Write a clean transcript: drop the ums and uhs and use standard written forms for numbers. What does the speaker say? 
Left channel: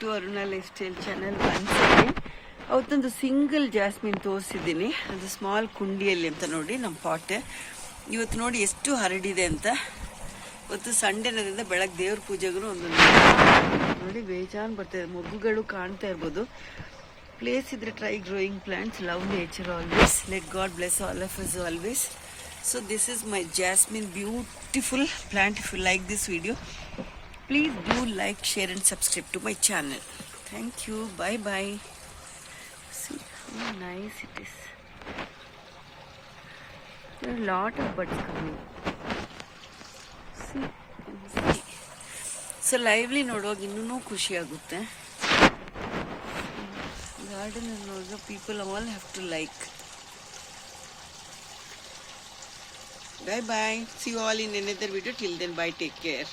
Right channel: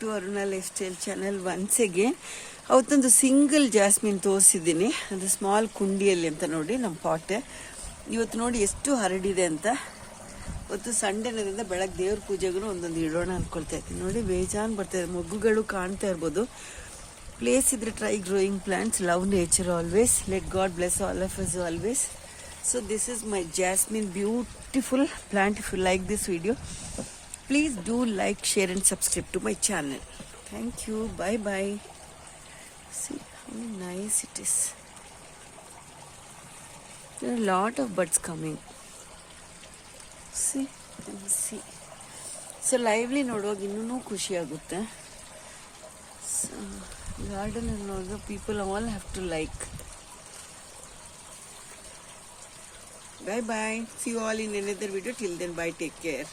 To Aruna lifestyle channel once again. ಅವತ್ತೊಂದು single jasmine ತೋರಿಸಿದ್ದೀನಿ, ಅದು ಸ್ಮಾಲ್ ಕುಂಡಿಯಲ್ಲಿ ಅಂತ ನೋಡಿ ನಮ್ಮ ಪಾಟ್. ಇವತ್ತು ನೋಡಿ ಎಷ್ಟು ಹರಡಿದೆ ಅಂತ. ಇವತ್ತು ಸಂಡೇನದಿಂದ ಬೆಳಗ್ಗೆ ದೇವ್ರ ಪೂಜೆಗೂ ಒಂದೊಂದು ನೋಡಿ ಬೇಜಾನ್ ಬರ್ತಾಯಿದೆ, ಮೊಗ್ಗುಗಳು ಕಾಣ್ತಾ ಇರ್ಬೋದು. ಪ್ಲೇಸ್ ಇದ್ರೆ try growing plants, love nature always, let god bless all of us always. So this is my jasmine, beautiful plant. If you like this video, please do like, share and subscribe to my channel. Thank you. Bye bye. See how nice it is. There are a lot of buds coming. See. So lively ನೋಡುವಾಗ ಇನ್ನೂ ಖುಷಿ ಆಗುತ್ತೆ. Garden ನೋಡುವ people all have to like. Bye bye. See you all in another video. Till then, bye. Take care.